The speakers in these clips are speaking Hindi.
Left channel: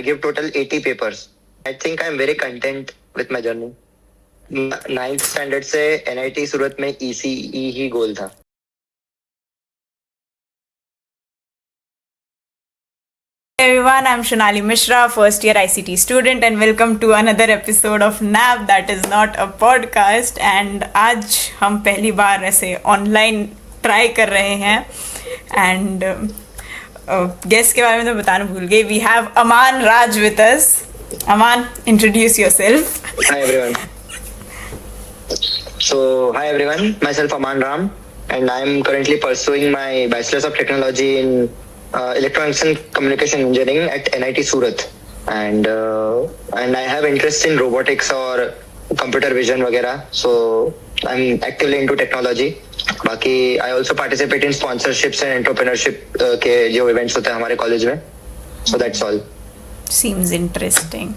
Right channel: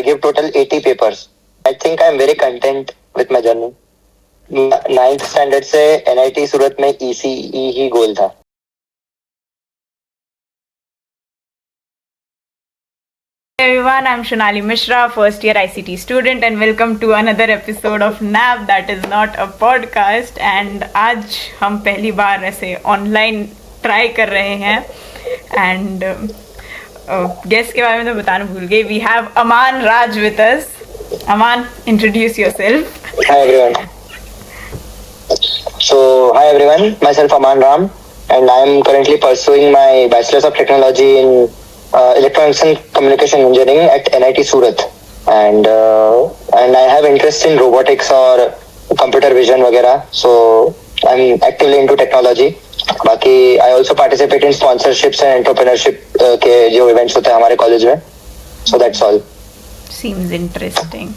I give total 80 papers. I think I'm very content with my journey. 9th standard से NIT सूरत में ECE ही गोल था. Everyone, I'm Shonali Mishra, first year ICT student, and welcome to another episode of NAP that is not a podcast. And आज हम पहली बार ऐसे ऑनलाइन ट्राई कर रहे हैं एंड गेस्ट के बारे में तो बताना भूल गई. We have Aman Raj with us. Aman, introduce yourself. Hi everyone. Hi everyone. Myself Aman Ram, and I'm currently pursuing my Bachelor's of Technology in Electronics and Communication Engineering at NIT Surat, and I have interest in robotics or computer vision वगैरह. So I'm actively into technology. बाकी I also participate in sponsorships and entrepreneurship के जो events होते हैं हमारे कॉलेज में. So that's all. Seems interesting.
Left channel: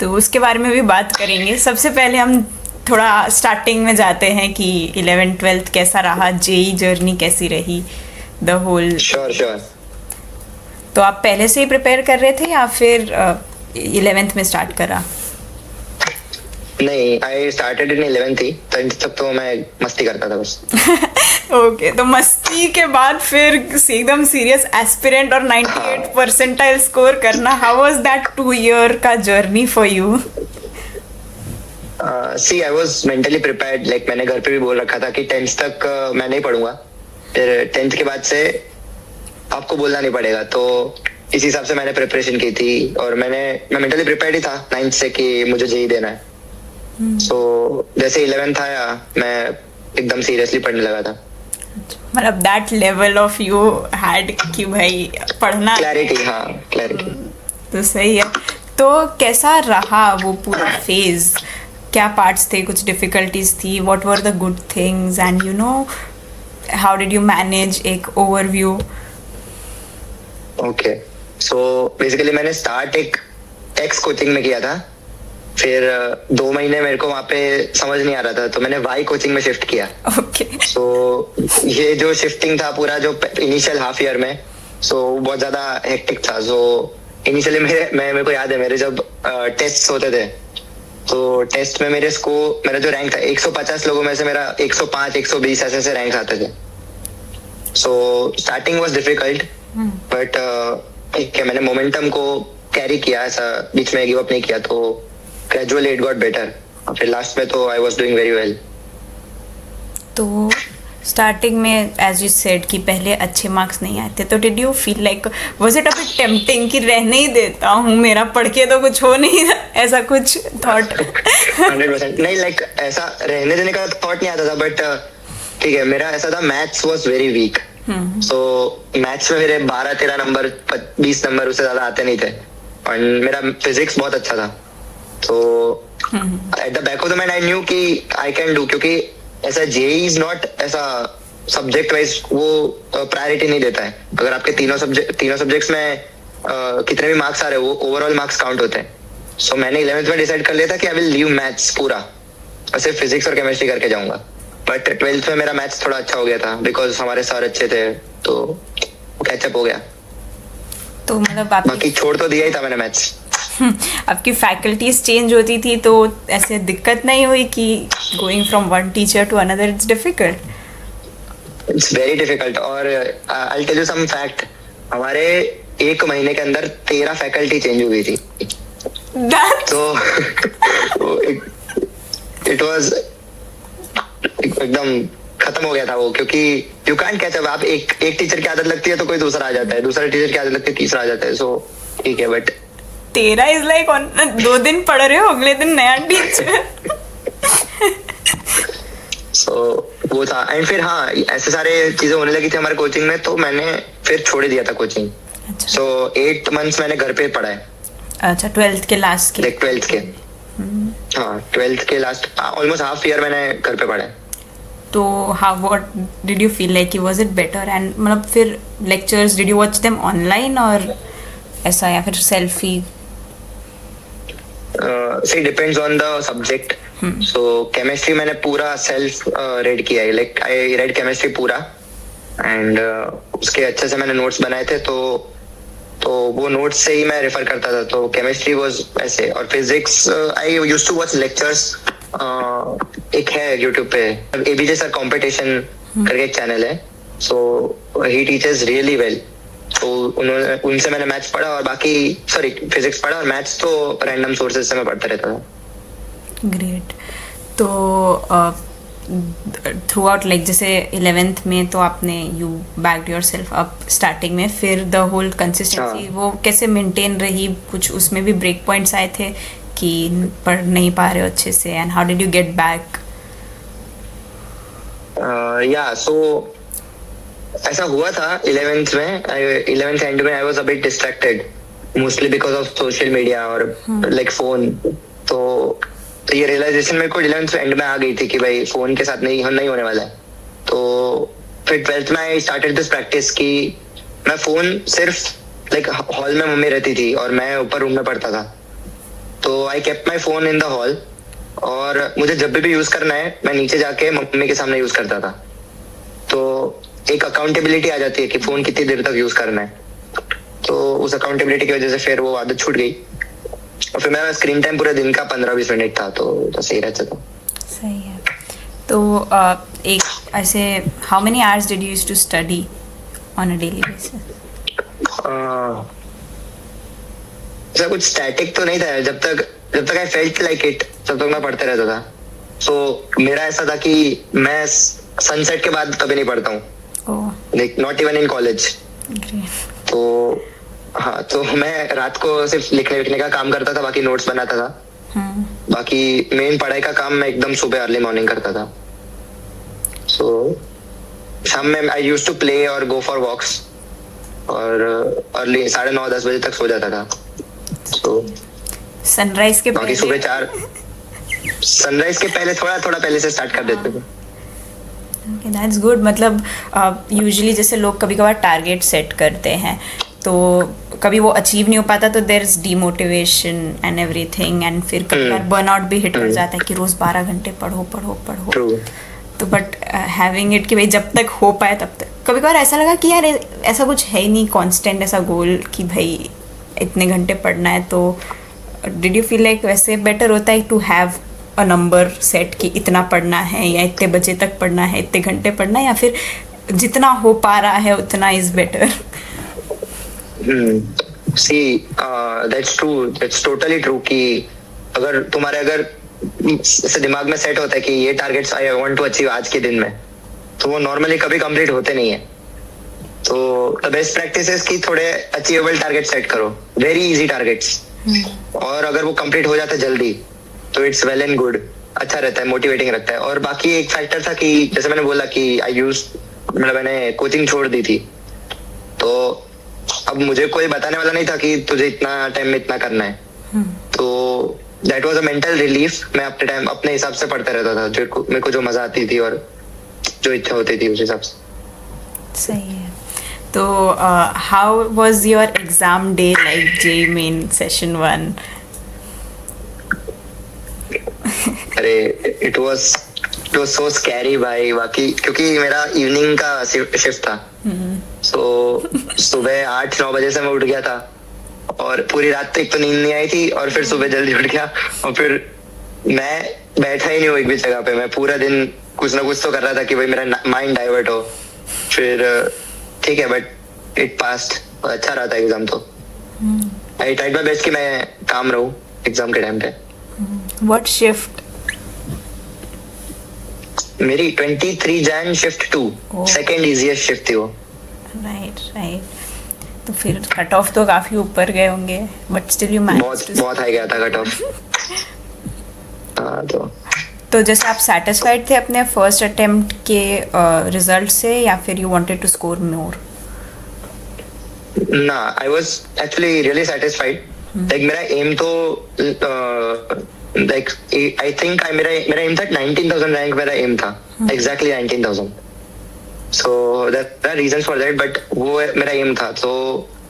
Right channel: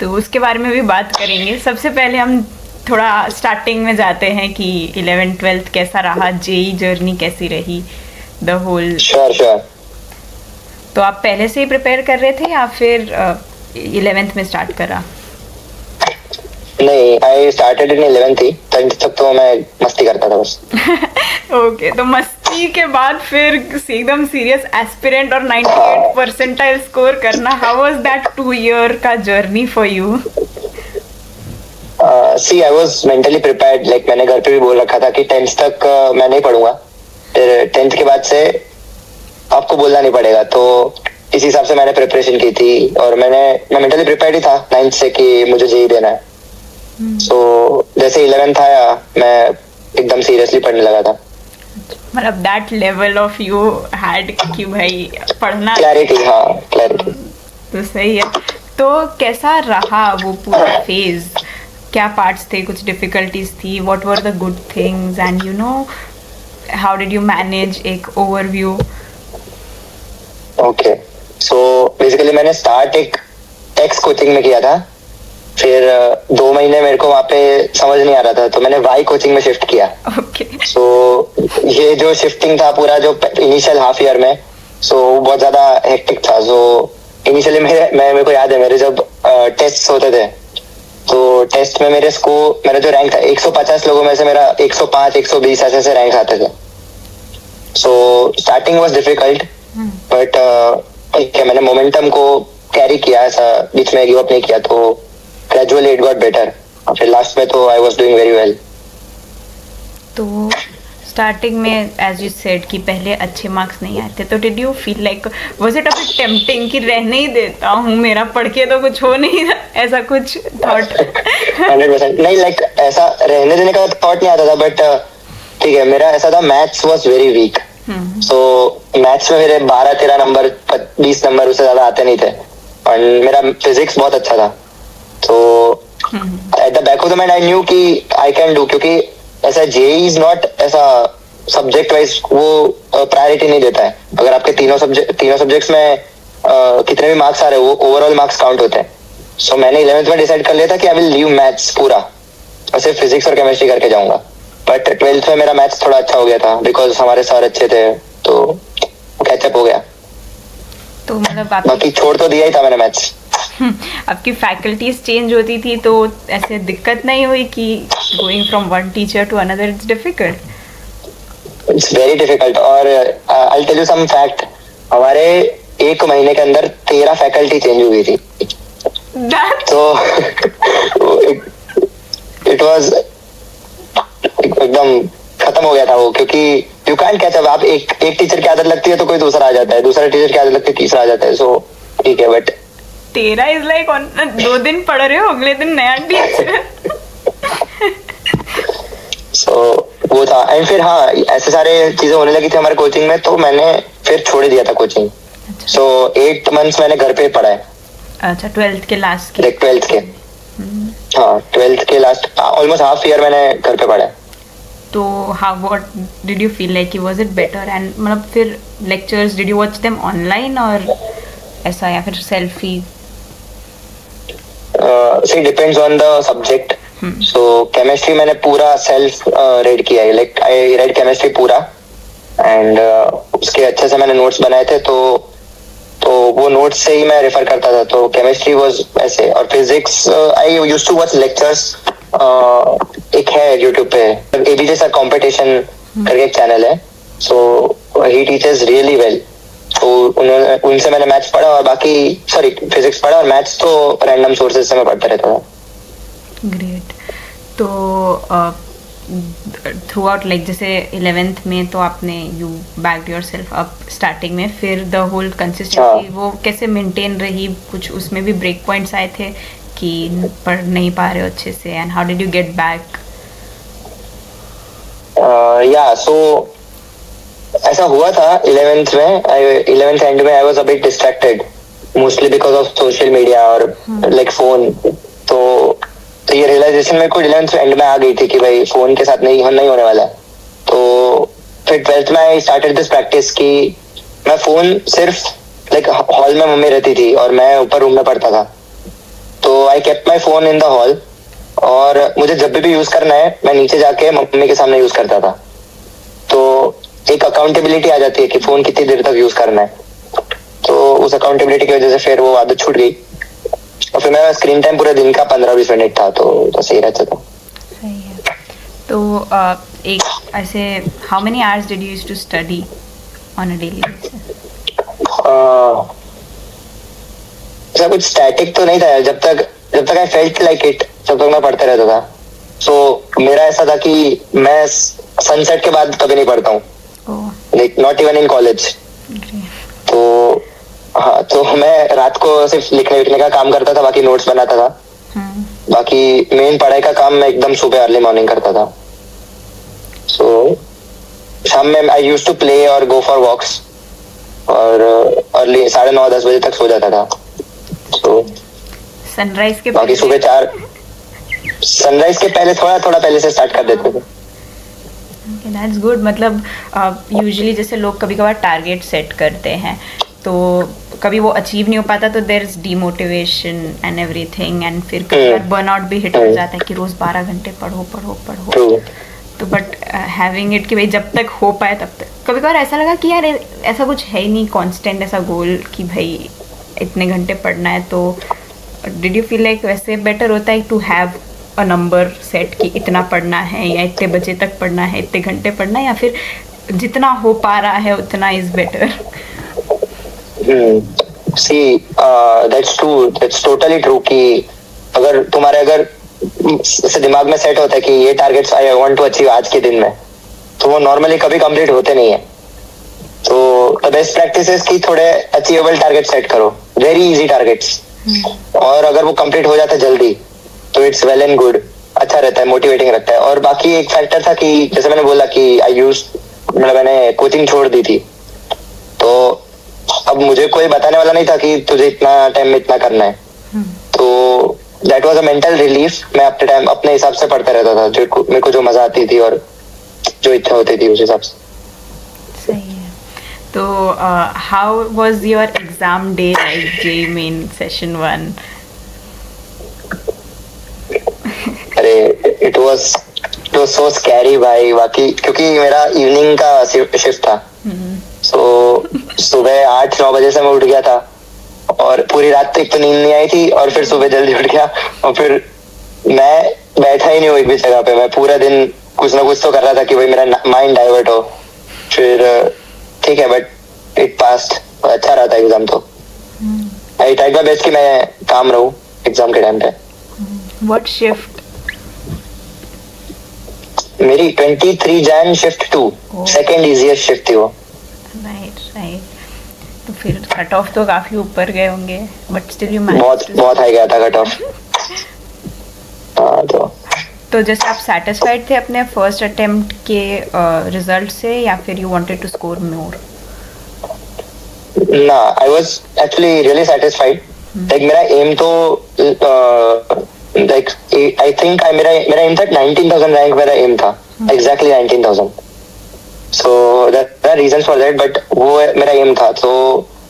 तो उसके बारे में भी बात करेंगे. सबसे पहले हम थोड़ा स्टार्टिंग में जाते हैं कि 11th-12th कैसा रहा, जेई जर्नी कैसी रही, द होल. Sure. तो आप पहले से ही प्रिपेयर कर रहे थे या फिर 11th में स्टार्ट करा? नहीं, I started in 11th he. 10th तक तो मैं मस्ती करता था बस. ओके, तो मस्ती के बाद फिर एकदम सीरियस एस्पिरेंट और 98 परसेंटाइल स्कोर करना. हाउ वाज दैट 2 ईयर का journey for you? See, I was mentally prepared. Like मैंने घर पे भी बोल रखा था कि 10th तक मैं नहीं पढ़ूंगा. फिर 10th के बाद से आपको बोलना नहीं पड़ेगा. तो इस हिसाब से मैंने प्रिपरेशन की थी और मैं मेंटली प्रिपेयर्ड ही था 9th से कि मुझे जेई देना है. So जैसे 11th आया मैं एकदम सीरियसली पढ़ने लगा था. मतलब that level of you had कि भाई पढ़ना. क्लैरिटी. हाँ, क्लैरिटी. तो सही है. तो कैसा रहा वो पूरा फेज? क्या पार्ट्स थे, कुछ डिफिकल्टीज थी? What were the good things and you know how did you manage? एक ओवरव्यू. ओके, सो बेसिकली मैंने स्टार्ट एक एक्स कोचिंग में किया था. फिर 2 महीने मेरे को वहाँ पे समझ नहीं आ रहा था तो मैंने वाई कोचिंग में शिफ्ट किया. ओके. सो ये जो शिफ्टिंग था पूरा जो इनिशियल हाफ ईयर में, सो बहुत ज्यादा हेक्टिक था. सो इनिशियली मेरे को याद है मेरे जब टेस्ट होते थे तो टेस्ट में मेरा जो रैंक था 150 लोगों में से मेरा 105 120 ऐसे रैंक आते थे. So starting was difficult but ठीक है, मैंने मोमेंटम को कैरी किया. ऐसा बीच में गिव अप नहीं किया. तो ग्रेजुअली इट गॉट बेटर. फिर लास्ट में तो I was doing very well. तो स्टार्टिंग में एज यू सेड कि पहले अच्छे मार्क्स नहीं आए थे, तो did you feel like was it a bit tempting कि रहने ही देता हूँ, मेरा पढ़ के तो कुछ हो नहीं, ऐसा कुछ थॉट? 100% नहीं, लाइक ऐसा रहने देने का थॉट नहीं आता था. बट ठीक है, मेरा ऐसा था maths was very weak. So maths में मेरे 12-13 नंबर 20 नंबर उससे ज्यादा आते नहीं थे. और मेरा फिजिक्स बहुत अच्छा था. तो at the back of the mind I knew कि आई कैन डू, क्योंकि ऐसा जेई इज नॉट ऐसा सब्जेक्ट वाइज वो प्रायोरिटी नहीं देता है. अगर आपके तीनों सब्जेक्ट्स में कितने भी मार्क्स आ रहे हैं वो ओवरऑल मार्क्स काउंट होते हैं. सो मैंने 11th में डिसाइड कर लिया था कि आई विल लीव मैथ्स पूरा और सिर्फ फिजिक्स और केमिस्ट्री करके जाऊंगा. बट 12th में मेरा मैथ्स थोड़ा अच्छा हो गया था बिकॉज हमारे सर अच्छे थे तो कैचअप हो गया. तो मतलब बाकी छोड़ तो दिया ही था मैंने मैथ्स. आपकी फैकल्टीज चेंज होती थी तो ऐसे दिक्कत नहीं हुई कि going from one teacher to another it's difficult? It's very difficult. और I tell you some fact, हमारे 1 महीने के अंदर 13 फैकल्टी चेंज हुई थी. तो इट वाज एकदम खत्म हो गया था वो, क्योंकि यू कैंट कैच अप. आप एक टीचर की आदत लगती है तो कोई दूसरा आ जाता है, दूसरा टीचर की आदत लगती है तीसरा आ जाता है. सो ठीक है, बट 13 इज लाइक 2 दिन पढ़ रहे हो अगले दिन नया टीचर. सो वो था. एंड फिर हाँ, ऐसे सारे चीजें होने लगी थी हमारे कोचिंग में तो मैंने फिर छोड़ दिया था कोचिंग. सो 8 months मैंने घर पे पढ़ा है. अच्छा, 12th के लास्ट के? 12th के. हाँ, 12th के लास्ट ऑलमोस्ट हाफ ईयर मैंने घर पे पढ़ा है. तो how what did you feel like? Was it better? And मतलब फिर lectures did you watch them online और ऐसा या फिर selfie? See, depends on the subject. So chemistry मैंने पूरा सेल्फ रेड किया है. लाइक आई रेड केमिस्ट्री पूरा एंड उसके अच्छे से मैंने नोट्स बनाए थे. तो तो वो नोट्स से ही मैं रेफर करता था. तो केमिस्ट्री वाज ऐसे, और physics I used to watch lectures. एक है यूट्यूब पे एबीजे सर कंपटीशन करके एक चैनल है. सो ही टीचेस रियली वेल. तो उन्होंने उनसे मैंने मैथ्स पढ़ा, और बाकी सॉरी फिजिक्स पढ़ा, और मैथ्स तो रैंडम सोर्सेज से मैं पढ़ता रहता था. ग्रेट. तो थ्रू आउट लाइक जैसे 11th में तो आपने you backed your self up starting में, फिर द होल कंसिस्टेंसी वो कैसे मेंटेन रही? कुछ उसमें भी ब्रेक पॉइंट्स आए थे कि पढ़ नहीं पा रहे हो अच्छे से, and how did you get back? या सो ऐसा हुआ था 11th में. 11th एंड में I was a bit distracted, mostly because of social media और लाइक फोन. तो ये रियलाइजेशन मेरे को 11th एंड में आ गई थी कि भाई फोन के साथ नहीं होने वाला है. तो फिर 12th में आई स्टार्टेड दिस प्रैक्टिस कि मैं फोन सिर्फ लाइक हॉल में मम्मी रहती थी और मैं ऊपर रूम में पढ़ता था. तो I kept my phone in the hall, और मुझे जब भी यूज करना है मैं नीचे जाके मम्मी के सामने यूज करता था. तो एक अकाउंटेबिलिटी आ जाती है कि फोन कितनी देर तक यूज करना है. तो उस अकाउंटेबिलिटी की वजह से फिर वो आदत छूट गई, और फिर मेरा स्क्रीन टाइम पूरे दिन का 15-20 मिनट था. तो सही रहता था. सही है. तो एक ऐसे how many hours did you use to study on a daily basis? ऐसा कुछ स्टैटिक तो नहीं था. जब तक आई फेल्ट लाइक इट, तब तक मैं पढ़ते रहता था. सो मेरा ऐसा था कि मैं सनसेट के बाद कभी नहीं पढ़ता हूँ, like not even in college. तो हाँ, तो मैं रात को सिर्फ लिखने विखने का काम करता था, बाकी नोट्स बनाता था. बाकी मेन पढ़ाई का काम मैं एकदम सुबह अर्ली मॉर्निंग करता था. सो शाम में आई यूज्ड टू प्ले और गो फॉर वॉक्स, और अर्ली 9:30-10 बजे तक सो जाता था. सो सनराइज के बाकी सुबह 4 सनराइज के पहले थोड़ा पहले से स्टार्ट कर देते थे. That's good. मतलब यूजुअली जैसे लोग कभी कभार टारगेट सेट करते हैं, तो कभी वो अचीव नहीं हो पाता, तो there is demotivation and everything, and फिर कई बार बर्नआउट भी हिट कर जाता है कि रोज 12 घंटे पढ़ो. तो बट हैविंग इट कि भाई जब तक हो पाए तब तक. कभी कभार ऐसा लगा कि यार ऐसा कुछ है ही नहीं कांस्टेंट ऐसा गोल कि भाई इतने घंटे पढ़ना है. तो डिड यू फील लाइक वैसे बेटर होता है to have a number set कि इतना पढ़ना है, या इतने बजे तक पढ़ना है, इतने घंटे पढ़ना है, या फिर जितना हो पा रहा है उतना is better? See, that's true. That's totally true कि अगर तुम्हारे दिमाग में सेट होता है कि ये targets I want to achieve आज के दिन में, तो वो नॉर्मली कभी कंप्लीट होते नहीं है. तो द बेस्ट प्रैक्टिस है कि थोड़े अचीवेबल टारगेट सेट करो, वेरी इजी टारगेट्स. और अगर वो कंप्लीट हो जाता है जल्दी तो इट्स वेल एंड गुड, अच्छा रहता है, मोटिवेटिंग रहता है. और बाकी एक फैक्टर था कि जैसे मैंने बोला कि मैंने कोचिंग छोड़ दी थी, तो अब मुझे कोई बताने वाला नहीं था कि तुझे इतना टाइम में इतना करना है. तो that was a mental relief. मैं अपने हिसाब से पढ़ता रहता था, मेरे को जो मजा आती थी और जो इच्छा होती थी उस हिसाब से. सही है. तो how was your exam day like JEE main session 1? अरे इट वाज सो स्कैरी भाई. बाकी क्योंकि मेरा इवनिंग का शिफ्ट था, सो सुबह 8-9 बजे से मैं उठ गया था, और पूरी रात तक तो नींद नहीं आई थी, और फिर सुबह जल्दी उठ गया, और फिर मैं बैठा ही नहीं हूँ एक भी जगह पे. मैं पूरा दिन कुछ ना कुछ तो कर रहा था कि भाई मेरा माइंड डाइवर्ट हो. फिर ठीक है, बट इट पास्ड. अच्छा रहा था एग्जाम. तो आई ट्राइड माय बेस्ट कि मैं काम रहूं एग्जाम के टाइम पे. What shift? मेरी 23 Jain shift 2, second easiest shift थी वो. राइट. तो फिर कट ऑफ तो काफी ऊपर गए होंगे, बट स्टिल यू मैनेज्ड. बहुत हाई गया था कट ऑफ. तो जैसे आप सैटिस्फाइड थे अपने फर्स्ट अटेम्प्ट के रिजल्ट से, या फिर you wanted to score more? ना, I was actually really satisfied. Like मेरा एम तो लाइक आई थिंक मेरा एम था 19,000 रैंक. मेरा एम था exactly 19,000. So there are reasons for that, but वो मेरा एम था. तो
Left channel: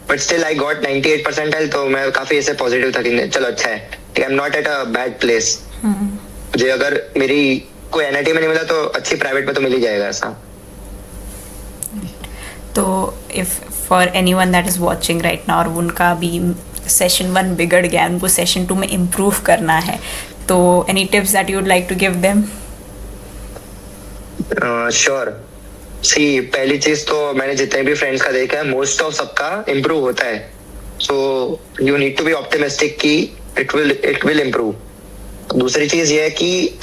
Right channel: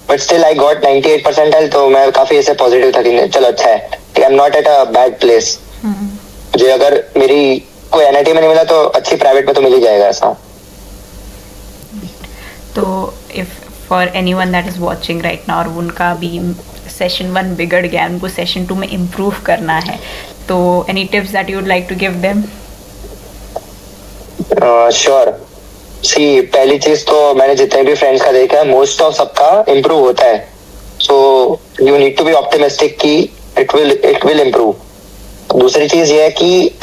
but still I got 98 percentile, तो मैं काफी ऐसे पॉजिटिव था कि चलो अच्छा है, I am not at a bad place. मुझे अगर मेरी कोई एनआईटी में नहीं मिला तो अच्छी प्राइवेट में तो मिल ही जाएगा ऐसा. तो if for anyone that is watching right now और उनका भी सेशन 1 बिगड़ गया, उनको सेशन 2 में इम्प्रूव करना है, तो any tips that you would like to give them? Sure. See, पहली चीज तो मैंने जितने भी फ्रेंड्स का देखा है, मोस्ट ऑफ सबका इम्प्रूव होता है। So you need to be optimistic कि इट विल इम्प्रूव। दूसरी चीज ये है कि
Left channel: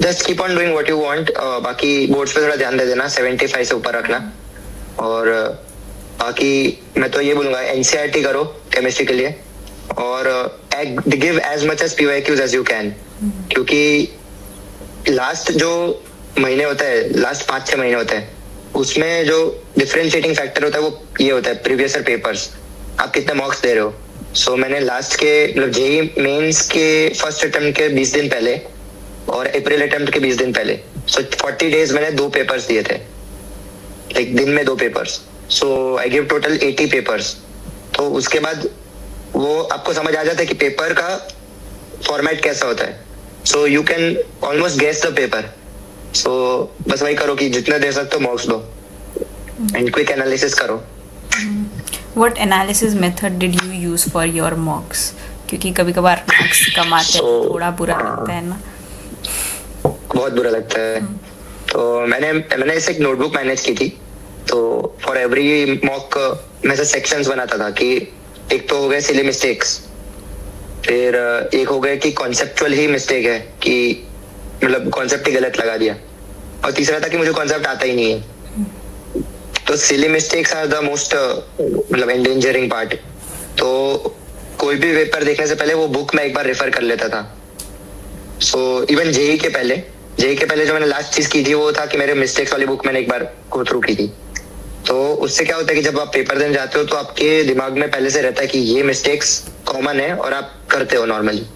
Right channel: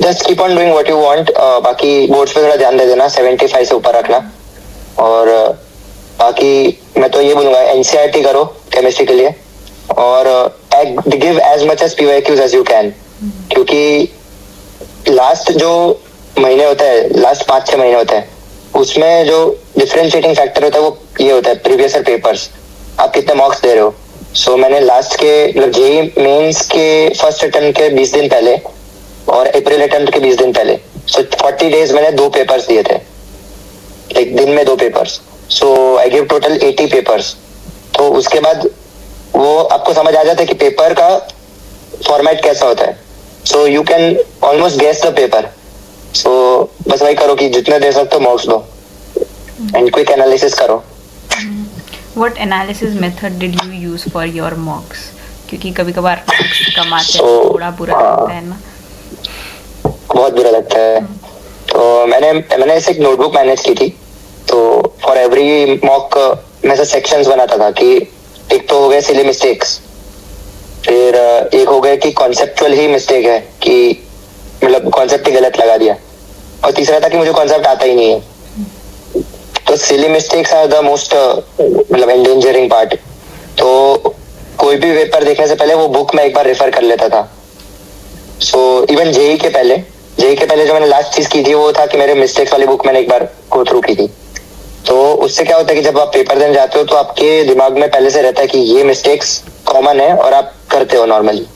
just keep on doing what you want. बाकी बोर्ड्स पे थोड़ा ध्यान दे देना, 75 से ऊपर रखना। और बाकी मैं तो ये बोलूंगा एनसीईआरटी करो केमिस्ट्री के लिए, और give as much as PYQs as you can, क्योंकि लास्ट जो महीने होता है, लास्ट 5-6 महीने होता है, उसमें जो डिफरेंशिएटिंग फैक्टर होता है वो ये होता है प्रीवियस ईयर पेपर्स, आप कितने मार्क्स दे रहे हो। सो मैंने लास्ट के मतलब जेई मेंस के फर्स्ट अटेम्प्ट के 20 दिन पहले और अप्रैल अटेम्प्ट के 20 दिन पहले, सो 40 डेज मैंने 2 पेपर्स दिए थे, एक दिन में 2 papers. So I give total 80 papers. तो उसके बाद वो आपको समझ आ जाता है कि पेपर का फॉर्मेट कैसा होता है। So you can almost guess the paper. So बस वही करो कि जितने दे सकते हो मार्क्स दो एंड क्विक एनालिसिस करो। What analysis method did you use for your मॉक्स? क्योंकि कभी कभार मार्क्स कम आते हैं, थोड़ा बुरा लगता है ना? बहुत बुरा लगता है। तो मैंने ऐसे एक नोटबुक मैनेज की थी। तो फॉर एवरी मॉक मैं से सेक्शंस बनाता था कि एक तो हो गए सिली मिस्टेक्स, फिर एक हो गए कि कॉन्सेप्चुअल ही मिस्टेक है कि मतलब कॉन्सेप्ट ही गलत लगा दिया, और तीसरा था कि मुझे कॉन्सेप्ट आता ही नहीं है। तो silly mistakes are the most मतलब एंडेंजरिंग पार्ट। तो कोई भी पेपर देखने से पहले वो बुक में एक बार रेफर कर लेता था। सो इवन जेई के पहले जो मैंने लास्ट चीज की थी वो था कि मेरे मिस्टेक्स वाली बुक मैंने एक बार गो थ्रू की थी। तो उससे क्या होता है कि जब आप पेपर देने जाते हो तो आपके दिमाग में पहले से रहता है कि ये मिस्टेक्स कॉमन है और आप करते हो नॉर्मली।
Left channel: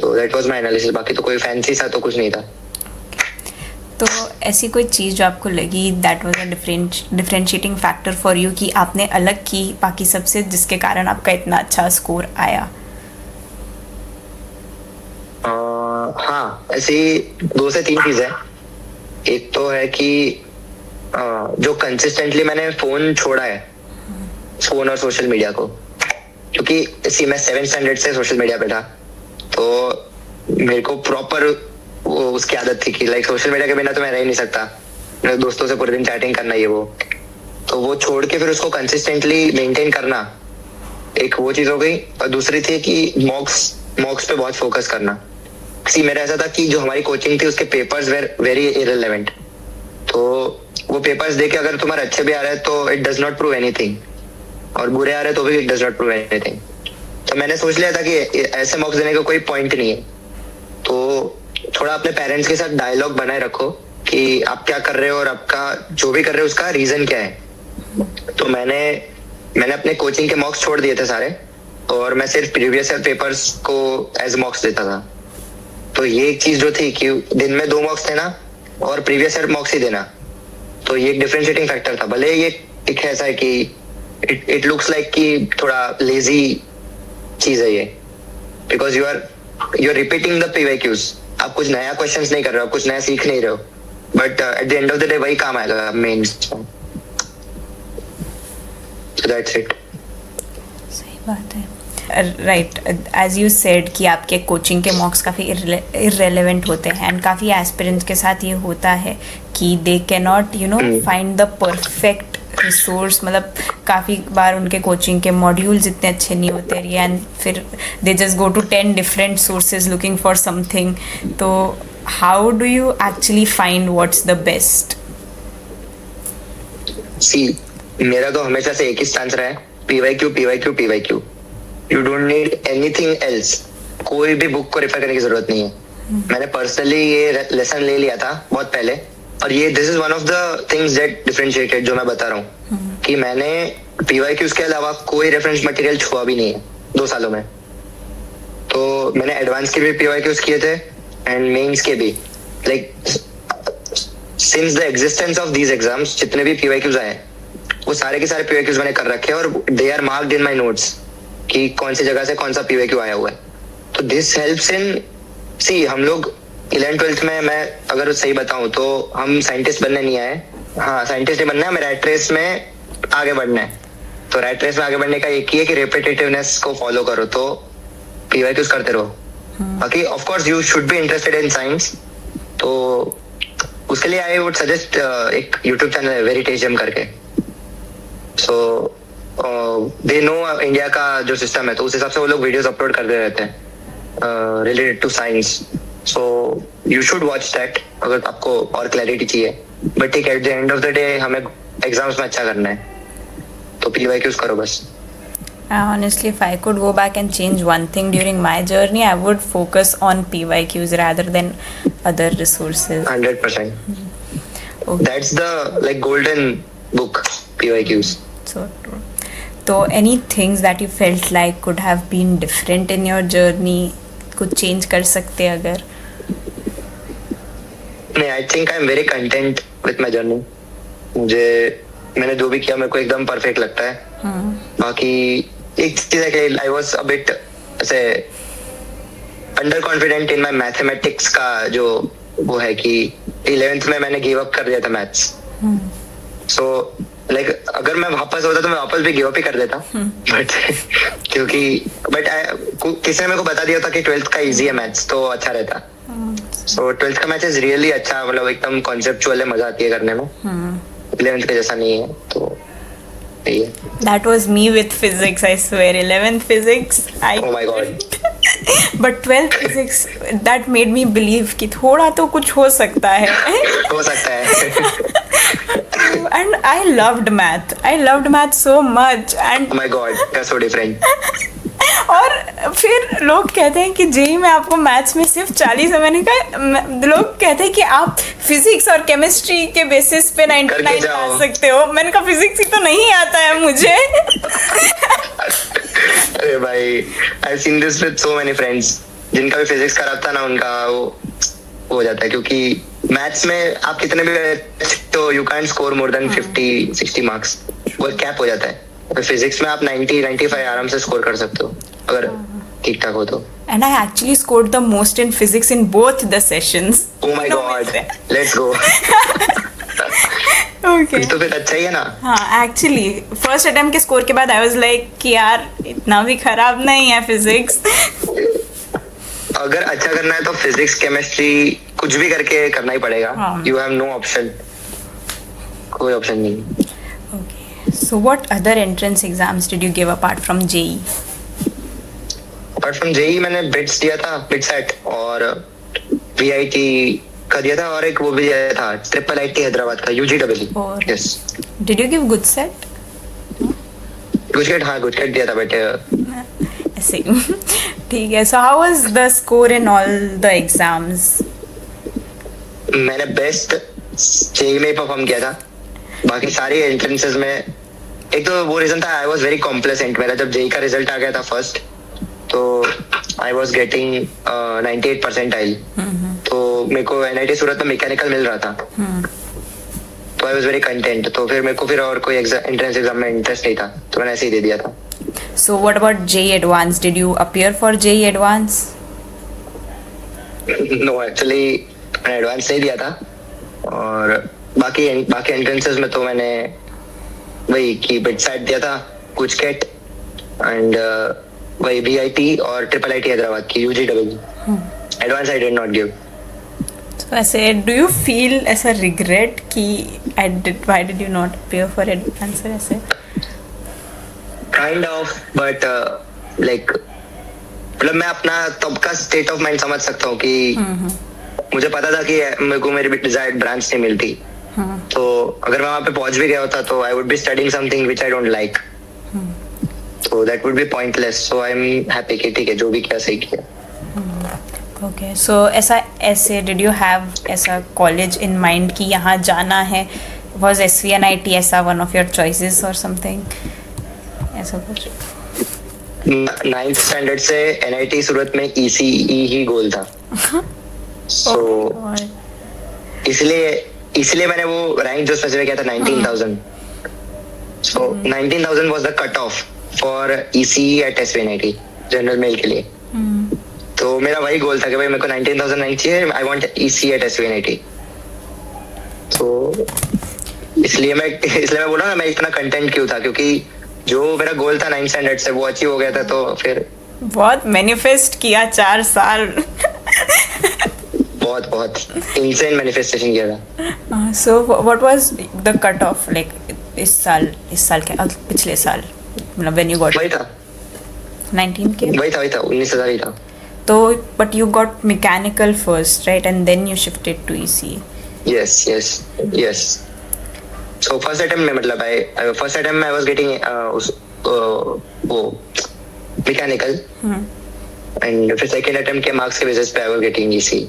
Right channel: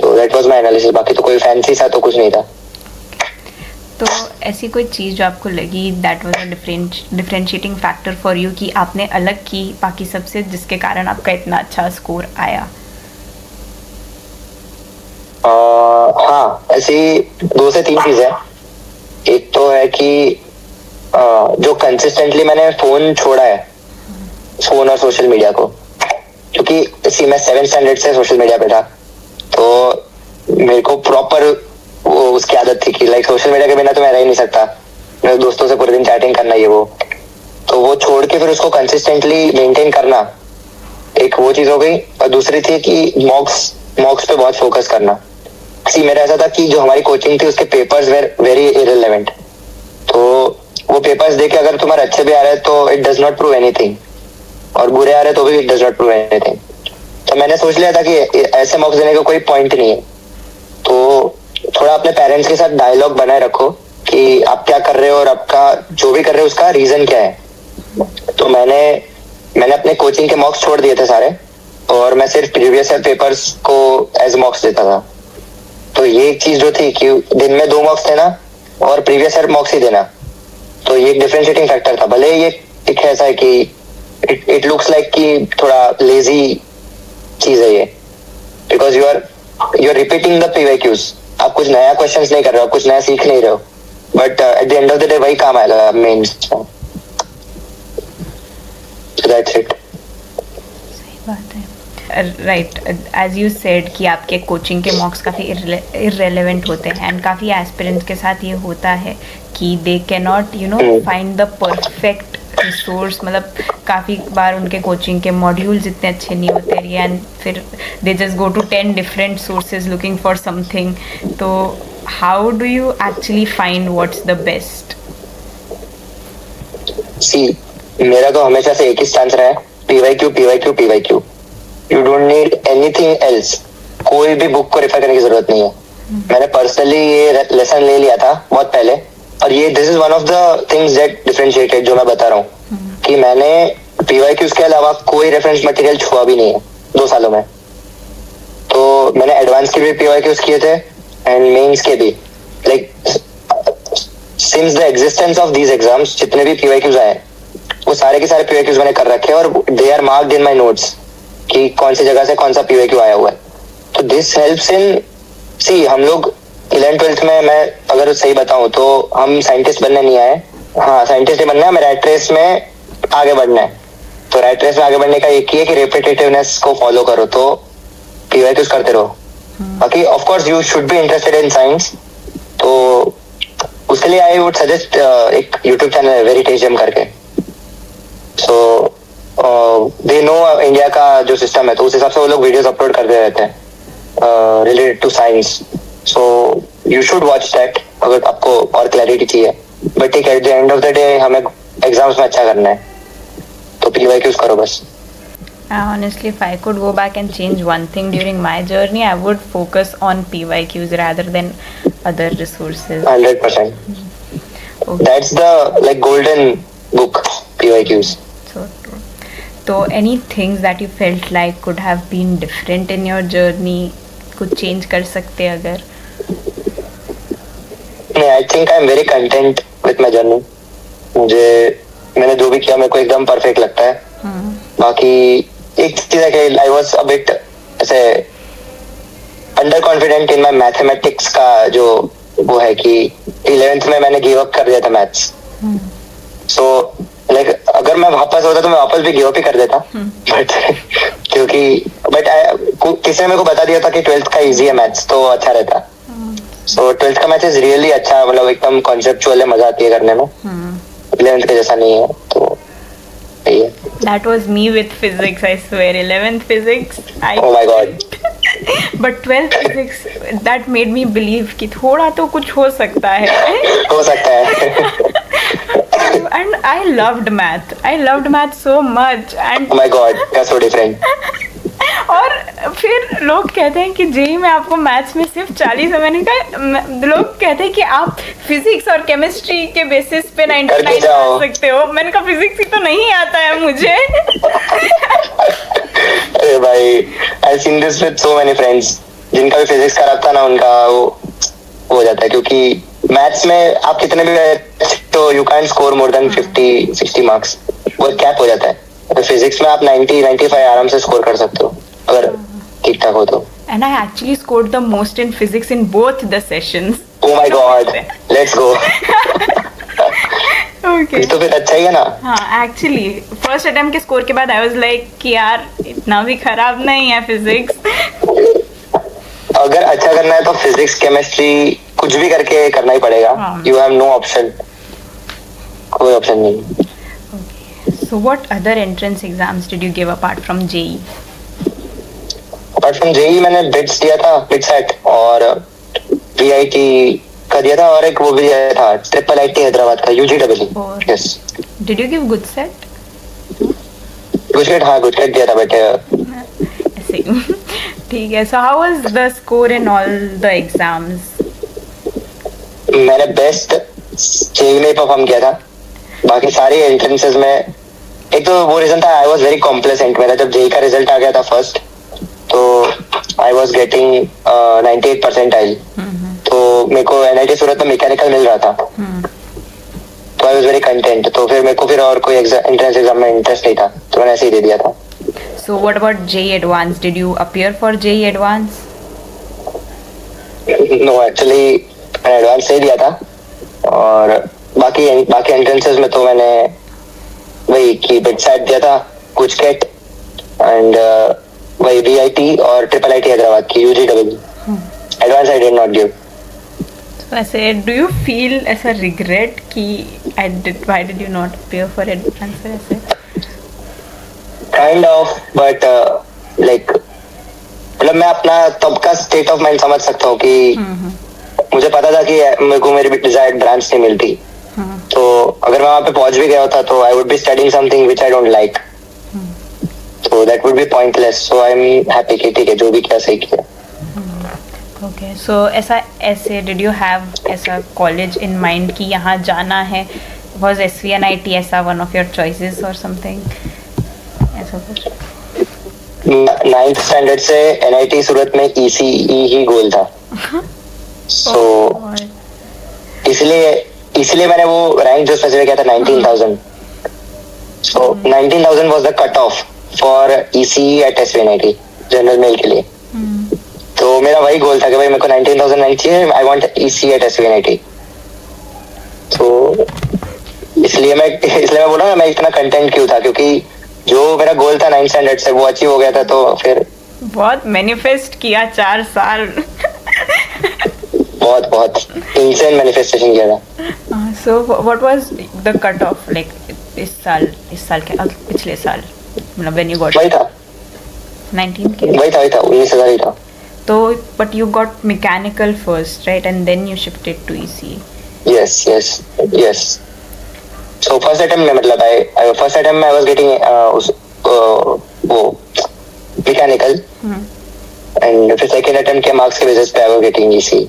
तो दैट वाज माय एनालिसिस। बाकी तो कोई फैंसी सा तो कुछ नहीं था। तो ऐसी कोई चीज़ जो आपको लगी that was a differentiating factor for you कि आपने अलग की बाकी सबसे, जिसके कारण आपका इतना अच्छा स्कोर आया? हाँ, ऐसी 2 से 3 चीजें। एक तो है कि जो कंसिस्टेंटली मैंने फोन छोड़ा है, फोन और सोशल मीडिया को, क्योंकि मैं 7th स्टैंडर्ड से सोशल मीडिया पे था। तो मेरे को प्रॉपर वो उसकी आदत थी कि लाइक सोशल मीडिया के बिना तो मैं रह ही नहीं सकता, मेरे दोस्तों से पूरे दिन चैटिंग करना, ये वो। तो वो छोड़ के फिर उसको कंसिस्टेंटली मेंटेन करना, एक वो चीज हो गई। और दूसरी थी कि मॉक्स पे बहुत फोकस करना। मेरा ऐसा था कि जो हमारी कोचिंग थी उसके पेपर्स वेर वेरी इररिलेवेंट। तो वो पेपर्स देके अगर तुम्हारे अच्छे भी आ रहे हैं तो it does not prove anything, और बुरे आ रहे तो भी it does not prove anything. तो मैंने सोच लिया था कि ऐसे मॉक्स देने का कोई पॉइंट नहीं है। तो थोड़ा अपने पेरेंट्स के साथ डायलॉग बनाए रखो कि आप क्या कर रहे हो और आपका जो भी कर रहे हो उसका रीजन क्या है। तो मैंने अपने कोचिंग के मॉक्स छोड़ दिए थे सारे, और मैं सिर्फ प्रीवियस ईयर पेपर्स को एज मॉक्स देता था। तो ये एक चीज जो थी कि दिन में 2 मॉक्स देना और प्रीवियस ईयर मॉक्स ही देना, तो ये एक डिफरेंशिएटिंग फैक्टर था। भले ये एक ऐसा है कि इट लुक्स लाइक कि थोड़ा लेजी चीज है ये, because you are repeating the PYQs. आप कुछ नया क्वेश्चंस नहीं कर रहे हो, कुछ नया सीख नहीं रहे हो, but at the end of the day वही काम आएगा मेंस में। So that's it. सही बात है। राइट, एज यू सेड कि आपके कोचिंग के मॉक्स काफ़ी इररेलेवेंट होते हैं, एंड काफ़ी एस्पिरेंट्स के साथ ये होता है कि they can not find the perfect resource. मतलब काफ़ी बार उनके कोचिंग के मॉड्यूल्स इतने अच्छे नहीं होते, एंड फिर they just go to 10 different sources looking for something. तो how do you actually find what's the best? See, मेरा तो हमेशा से एक ही स्टांस रहा है, PYQ. You don't need anything else. कोई भी बुक को रेफर करने की जरूरत नहीं है। मैंने पर्सनली ये लेसन ले लिया था बहुत पहले, और ये this is one of the things that differentiated, जो मैं बता रहा हूँ कि मैंने पीवाईक्यूज के अलावा कोई रेफरेंस मटेरियल छुआ भी नहीं है 2 सालों में। तो मैंने एडवांस के भी पीवाईक्यूज किए थे एंड मेंस के भी। Like since the existence of these exams जितने भी पीवाईक्यूज आए वो सारे के सारे पीवाईक्यूज मैंने कर रखे हैं, और they are marked in my notes कि कौन सी जगह से कौन सा पीवाईक्यू आया हुआ है। तो दिस हेल्प्स इन, सी हम लोग 11th 12th में, मैं अगर सही बताऊं तो हम साइंटिस्ट बनने नहीं आए, हाँ साइंटिस्ट ही बनना है, हमें रैट रेस में आगे बढ़ना है। तो रैट रेस में आगे बढ़ने का एक ही है कि रेपिटेटिवनेस को फॉलो करो, तो पीवाईक्यूज करते रहो। बाकी of course you should be interested in science, तो उसके लिए आई वुड सजेस्ट एक यूट्यूब चैनल है वेरिटेजियम करके। सो दे नो इंडिया का जो सिस्टम है, तो उस हिसाब से वो लोग वीडियोस अपलोड करते रहते हैं related to science. So you should watch that अगर आपको और क्लैरिटी चाहिए। बट ठीक है, at the end of the day हमें एग्जाम्स में अच्छा करना है, तो पीवाईक्यूज करो बस। Honestly, if I could go back and change one thing during my journey, I would focus on PYQs rather than other resources. 100%. Okay. That's the like golden book, PYQs. So true. So, any things that you felt like could have been different in your journey, कुछ change कर सकते अगर? नहीं, I think I'm very content with my journey. मैंने जो भी किया मेरे को एकदम परफेक्ट लगता है। बाकी एक चीज है कि आई वॉज अ बिट ऐसे under confident in my mathematics का जो वो है कि 11th में मैंने गिव अप कर दिया था मैथ्स। सो लाइक अगर मैं वापस होता तो मैं वापस भी गिव अप ही कर देता, बट क्योंकि किसी ने मेरे को बता दिया था कि 12th का इजी है मैथ्स, तो अच्छा रहता। सो 12th का मैथ्स इज रियली अच्छा, मतलब एकदम कॉन्सेप्चुअल है, मजा आती है करने में। 11th के जैसा नहीं है, तो यही है। That was me with physics, I swear. 11th physics, Oh my God. But 12th physics, that made me believe कि थोड़ा तो कुछ हो सकता है। हो सकता है। And I loved math. I loved math so much. And Oh my God, that's so different. और फिर लोग कहते हैं कि जेई में आपको मैथ्स में सिर्फ 40 है। मैंने कहा, लोग कहते हैं कि आप फिजिक्स और केमिस्ट्री के बेसिस पे 99 ला सकते हो। मैंने कहा फिजिक्स ही तो नहीं आता है मुझे। अरे भाई, I seen this with so many friends जिनका भी फिजिक्स खराब था ना, उनका वो हो जाता है, क्योंकि मैथ्स में आप कितने भी तो you can score more than 50-60 marks, वो कैप हो जाता है। तो फिजिक्स में आप 90-95 आराम से स्कोर कर सकते हो अगर ठीक ठाक हो तो। And I actually scored the most in physics in both the sessions. Oh my God, let's go. Okay. तो फिर अच्छा ही है ना। हाँ, एक्चुअली फर्स्ट अटेम्प्ट के स्कोर के बाद आई वाज लाइक कि यार इतना भी खराब नहीं है फिजिक्स। अगर अच्छा करना है तो फिजिक्स केमिस्ट्री कुछ भी करके करना ही पड़ेगा। यू हैव नो ऑप्शन, कोई ऑप्शन नहीं। So what other entrance exams did you give apart from JEE? Apart from JEE मैंने बिट्स दिया था, बिटसेट, और VIT का दिया था, और एक वो भी दिया था ट्रिपल IIT हैदराबाद का UGEE। Yes. Did you give good set? GUJCET, हाँ गुजकेट दिया था बेटे। ऐसे ठीक है। So how was the score in all the exams? मैंने बेस्ट JEE में परफॉर्म किया था। बाकी सारी एंट्रेंसेस में एक तो वो रीजन था, आई वॉज वेरी कॉम्प्लेसेंट। मेरा जब JEE का रिजल्ट आ गया था फर्स्ट, तो आई वॉज गेटिंग 98 परसेंटाइल। तो मेरे को NIT सूरत में मैकेनिकल मिल रहा था, तो आई वॉज वेरी कंटेंट। तो फिर मेरे को फिर और कोई एंट्रेंस एग्जाम में इंटरेस्ट नहीं था, तो मैंने ऐसे ही दे दिया था। So what about JEE Advance? Did you appear for JEE Advance? No, actually मैंने एडवांस नहीं दिया था, और बाकी एंट्रेंसेस में तो मैंने वही की बिटसेट दिया था, गुजकेट एंड वही VIT और ट्रिपल IIT हैदराबाद की UGEE। Advance I did not give. So ऐसे do you feel ऐसा regret कि why did you not appear for advance ऐसे? Kind of, but like मतलब मैं अपना तब का स्टेट ऑफ माइंड समझ सकता हूँ कि मुझे पता था कि मेरे को मेरी डिजायर्ड ब्रांच नहीं मिलती। तो अगर मैं वहाँ पे पहुंच भी गया होता तो I would be studying something which I don't like, so that would be pointless. So I'm happy कि ठीक है, जो भी किया सही किया। Okay, so ऐसे did you have ऐसा college in mind कि यहाँ जाना है? Was SVNIT ऐसा one of your choices or something? ऐसा कुछ? 9th स्टैंडर्ड से NIT सूरत में ECE ही गोल था। So इसलिए मैंने वो रैंक जो स्पेसिफाई किया था 19,000। So 19,000 was the cut off for ECE at SVNIT general mail के लिए। तो मेरा वही गोल था कि भाई मेरे को 19,000 रैंक चाहिए, I want ECE at SVNIT। तो इसलिए मैं बोला ना मैं इतना कंटेंट क्यों था, क्योंकि जो मेरा गोल था 9th स्टैंडर्ड से वो अचीव हो गया था, तो फिर बहुत मैनिफेस्ट किया 4 साल. बहुत इंसेन मैनिफेस्टेशन किया था. So what was the cut off like इस साल के पिछले साल, मतलब when you got वही था 19 के? वही था 19,000 ही था. तो but you got mechanical first, right? And then you shifted to ECE. Yes. So first attempt में मतलब I was getting वो mechanical, and फिर second attempt के marks के basis पे I was getting ECE.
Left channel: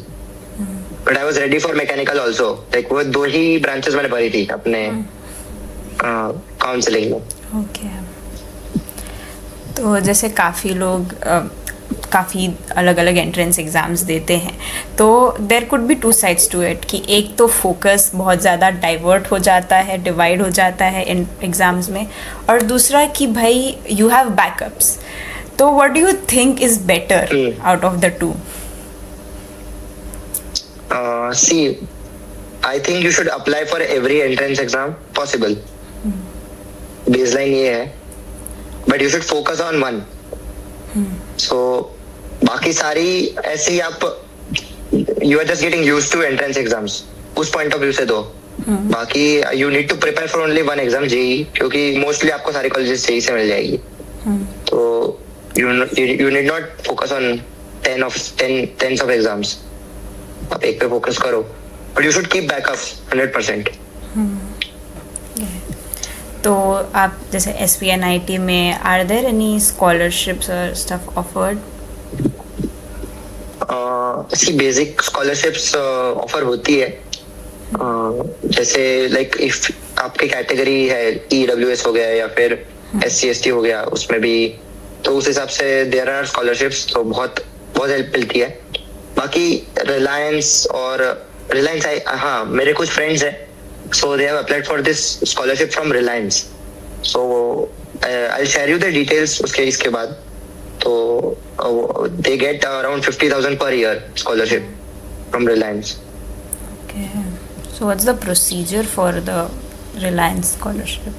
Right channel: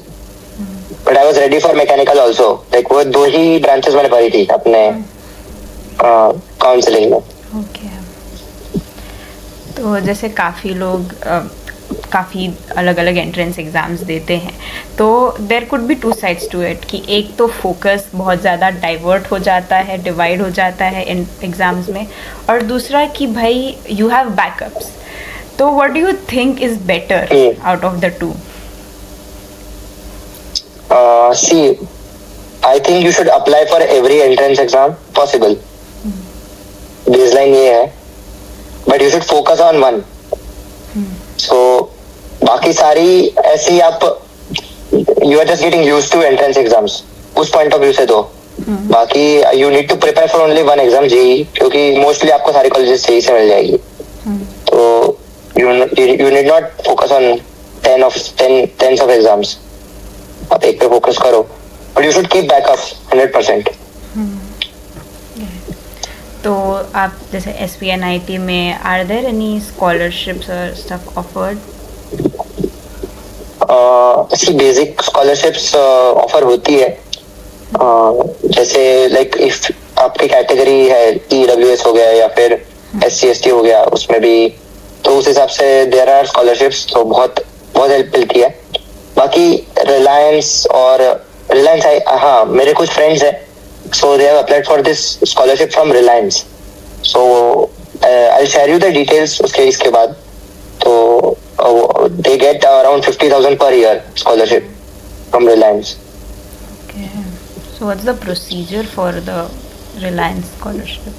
But I was ready for mechanical also. Like वो 2 ही branches मैंने भरी थी अपने काउंसलिंग में. Okay. तो जैसे काफ़ी लोग काफ़ी अलग अलग एंट्रेंस एग्ज़ाम्स देते हैं, तो there could be 2 sides to it कि एक तो फोकस बहुत ज़्यादा डाइवर्ट हो जाता है, डिवाइड हो जाता है इन एग्ज़ाम्स में, और दूसरा कि भाई यू हैव बैकअप्स. तो what do you think is better out of the two? See, I think you should apply for every entrance exam possible. Baseline ये है, but you should focus on one. So बाकी सारी ऐसे ही आप you are just getting used to entrance exams उस point of view से दो. बाकी you need to prepare for only one exam, JEE, क्योंकि mostly आपको सारी colleges JEE से मिल जाएगी. तो you need not focus on 10 of exams. आप एक पे फोकस करो, but you should keep backup 100%. तो आप जैसे SPNIT में आर देयर एनी स्कॉलरशिप्स और स्टफ ऑफर्ड? ऐसी बेसिक स्कॉलरशिप्स ऑफर होती है, जैसे लाइक इफ आपकी कैटेगरी है EWS हो गया या फिर SC ST हो गया, उसमें भी तो उस हिसाब से देयर आर स्कॉलरशिप्स, तो बहुत हेल्प मिलती है. बाकी रिलायंस हाँ मेरे कुछ फ्रेंड्स हैं, so they have applied for this scholarship from Reliance. So I'll share you the details इसके बाद. तो they get around 50,000 per year scholarship from Reliance. Okay. So what's the procedure for the Reliance scholarship?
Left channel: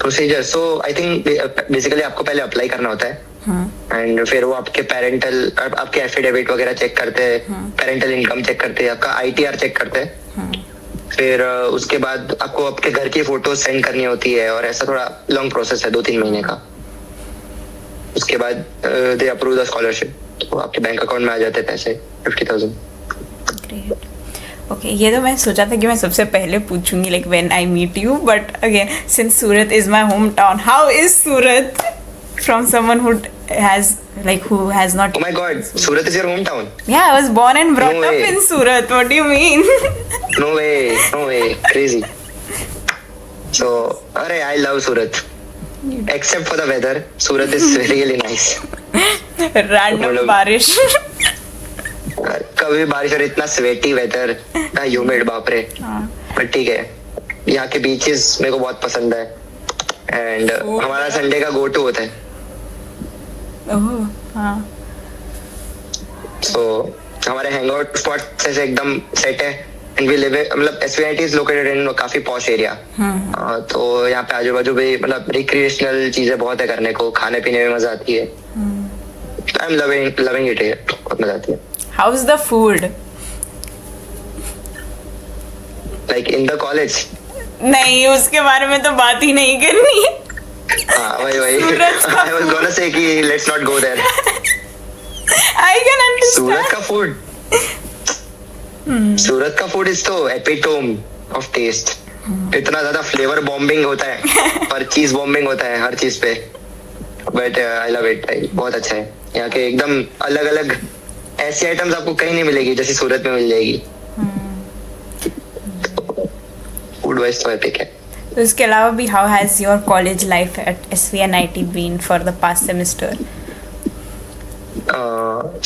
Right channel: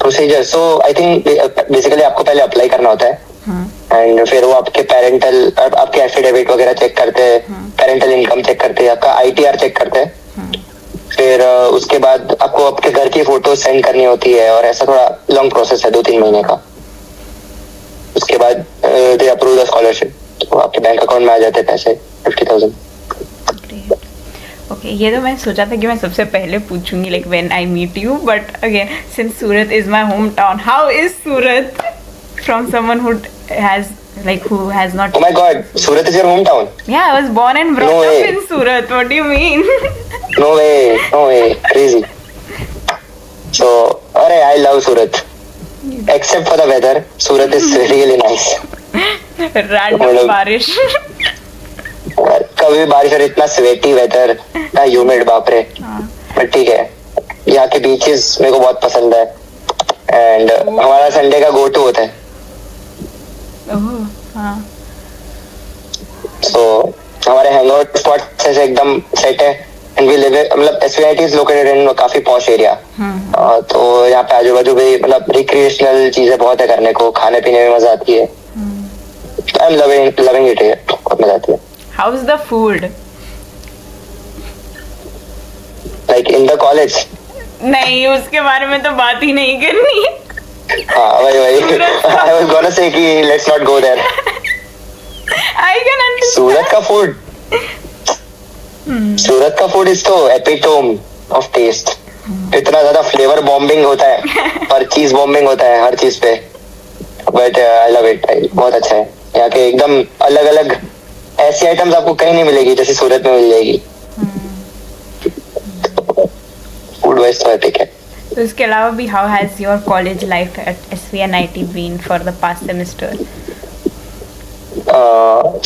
Procedure, so I think basically आपको पहले अप्लाई करना होता है, एंड फिर वो आपके एफिडेविट वगैरह चेक करते हैं, पेरेंटल इनकम चेक करते हैं, आपका ITR चेक करते हैं. फिर उसके बाद आपको आपके घर की फोटो सेंड करनी होती है, और ऐसा थोड़ा लॉन्ग प्रोसेस है 2-3 महीने का. उसके बाद दे अप्रूव द स्कॉलरशिप, तो आपके बैंक अकाउंट में आ जाते हैं पैसे 50,000. ग्रेट. ओके, ये तो मैं सोचा था कि मैं सबसे पहले पूछूंगी like when I meet you, but again since Surat is my hometown, how is Surat from someone who has not... Oh my god, Surat is your hometown? Yeah, I was born and brought up in Surat. What do you mean? No way, crazy. So, I love Surat. Except for the weather, Surat is really nice. Random बारिश. कभी बारिश और इतना स्वेटी वेदर, ना ह्यूमिड, बाप रे. बट ठीक है, यहाँ के बीचेस मेरे को बहुत पसंद है, एंड हमारा संडे का गो टू होता है. So हमारे हैंगआउट स्पॉट से एकदम सेट है, एंड वी लिव मतलब SPNIT इज लोकेटेड इन काफी पॉश एरिया. तो यहाँ पे आजू बाजू भी मतलब रिक्रिएशनल चीजें बहुत है करने को, खाने पीने में मजा आती है. आई एम लविंग इट, बहुत मजा आती है. How is the food? Like in the college? नहीं, उसके बारे में तो बात ही नहीं करनी. हाँ वही. I was gonna say कि let's not go there. I can understand. सूरत का फूड इज तो एपिटोम ऑफ टेस्ट. इतना ज्यादा फ्लेवर बॉम्बिंग होता है, पर चीज बॉम्बिंग होता है हर चीज पे. बट आई लव इट, बहुत अच्छा है. यहाँ के एकदम अलग अलग ऐसी आइटम्स आपको कहीं नहीं मिलेगी जैसे सूरत में मिल जाएगी. फूड वाइज तो एपिक है. तो इसके अलावा भी how has your college life at SPNIT been for the past semester?